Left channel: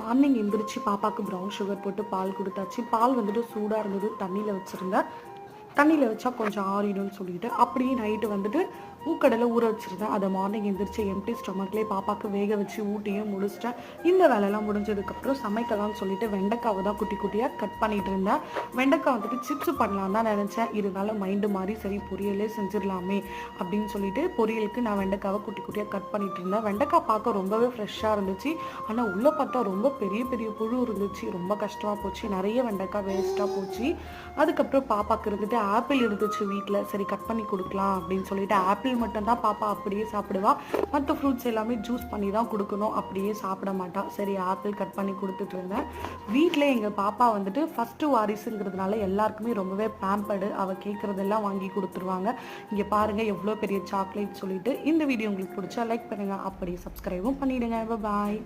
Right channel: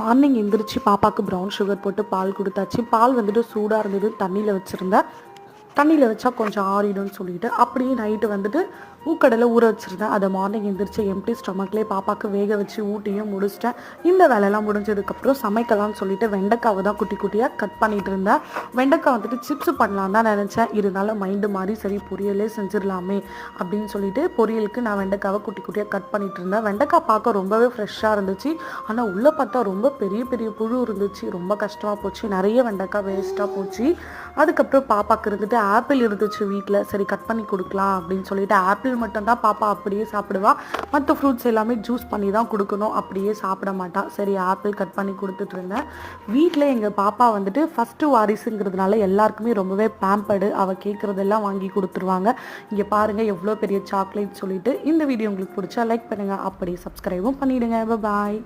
Morning எந்திரிச்சு பாப்பாவுக்கு brown sugar போட்டு பால் கொடுத்தாச்சு. பால் வந்துட்டு சூடாக இருந்தது, தண்ணியில் வச்சுருந்தேன். தண்ணியில் வச்சா கொஞ்சம் ஆறிடும்னு சொல்லிட்டு அப்படியே நைட்டு வந்துட்டு மூக்கடலை ஊற வச்சுருந்தேன். அதை மார்னிங் எந்திரிச்சு எம்டி ஸ்டொமக்லேயே பாப்பாவுக்கு வேக வச்சு ஊட்டியும் முடிச்சிட்டேன். இந்த வேலையெல்லாம் முடிஞ்சதுக்கப்புறம் சமைக்கலாம்னு சொல்லிட்டு வெண்டைக்காவை தான் குட்டி குட்டியாக கட் பண்ணிட்டு இருந்தேன். வெண்டைக்காய் வந்துட்டு சிப்ஸ் பண்ணலாம் தான் நினச்சேன். இருந்தாலும் மைண்டு மாதிரி சரி பொரியலே செஞ்சிடலாமே அப்படின்னு சொல்லிட்டு பொரியலுக்கு நான் வெண்டைக்காவை குட்டி குட்டியாக கட் பண்ணிட்டு இருந்தேன். வெண்டைக்காய் பார்க்க ரொம்பவே ஃப்ரெஷ்ஷாக இருந்துச்சு. ஆனால் உள்ளே பார்த்தா ரொம்ப பெரிய பெரிய புழு இருந்துச்சு. ரொம்ப கஷ்டமாக போச்சு. நிறைய வெண்டைக்காய் வேஸ்ட்டாக போச்சு. அதுக்கப்புறம் பாப்பாவுக்கு இருந்துட்டு ஆப்பிள் இருந்துச்சு வீட்டில். சரி கட் பண்ணி கொடுக்கலாம் அப்படின்னு சொல்லிட்டு ஆப்பிள் மட்டும்தான் பாப்பா அப்படியே சாப்பிடுவா. மற்ற ஃப்ரூட்ஸ் எல்லாமே ஜூஸ் பண்ணி தான் கொடுக்கணும், அப்படியே சாப்பிட மாட்டான். சரி ஆப்பிள் கட் பண்ணி கொடுத்துட்டு இருந்தேன். வீட்டில் எங்கள் பாப்பா வந்துட்டு ஃபஸ்ட்டு வாரிசுங்கிறதுனால எல்லாருக்குமே ரொம்பவே பேம்பர்டு. அவள் கேட்குறதெல்லாம் வாங்கி கொடுத்துருவாங்க. இங்கே பாருங்கள் எவ்வளோ பெரிய சாக்லேட் சொல்லிட்டு. இந்த வீடியோ உங்களுக்கு பிடிச்சா லைக் பண்ணுங்கள், அப்படியே சப்ஸ்கிரைபும் பண்ணிவிடுங்க. பாய்.